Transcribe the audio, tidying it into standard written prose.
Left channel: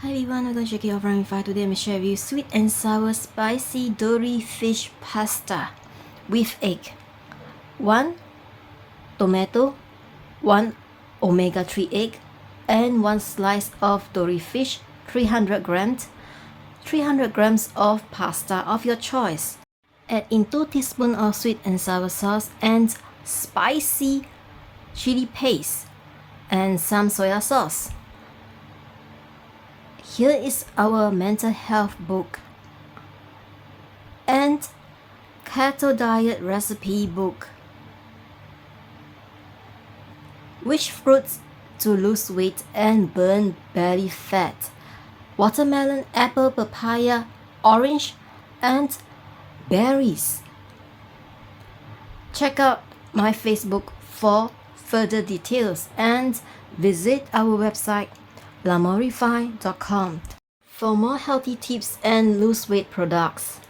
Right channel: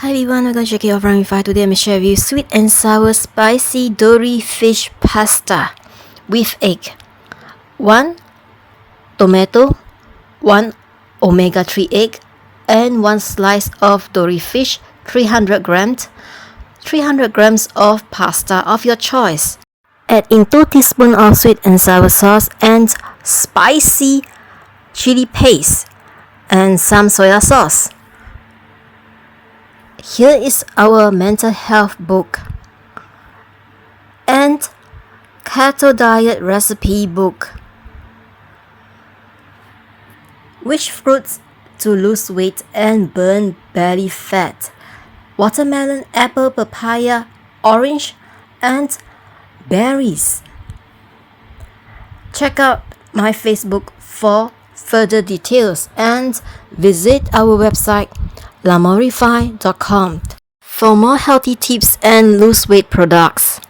Hi everyone, welcome to Keto from Lamourify. Today I'm going to share with you sweet and sour spicy Dory fish pasta with egg. 1 tomato, 1 omega-3 egg, and 1 slice of Dory fish, 300 grams, 300 grams of pasta of your choice. Add in 2 teaspoons of sweet and sour sauce and spicy chili paste and some soya sauce. Here is our mental health book and keto diet recipe book. Which fruits to lose weight and burn belly fat? Watermelon, apple, papaya, orange, and berries. Check out my Facebook for further details and visit our website Lamourify.com for more healthy tips and lose weight products.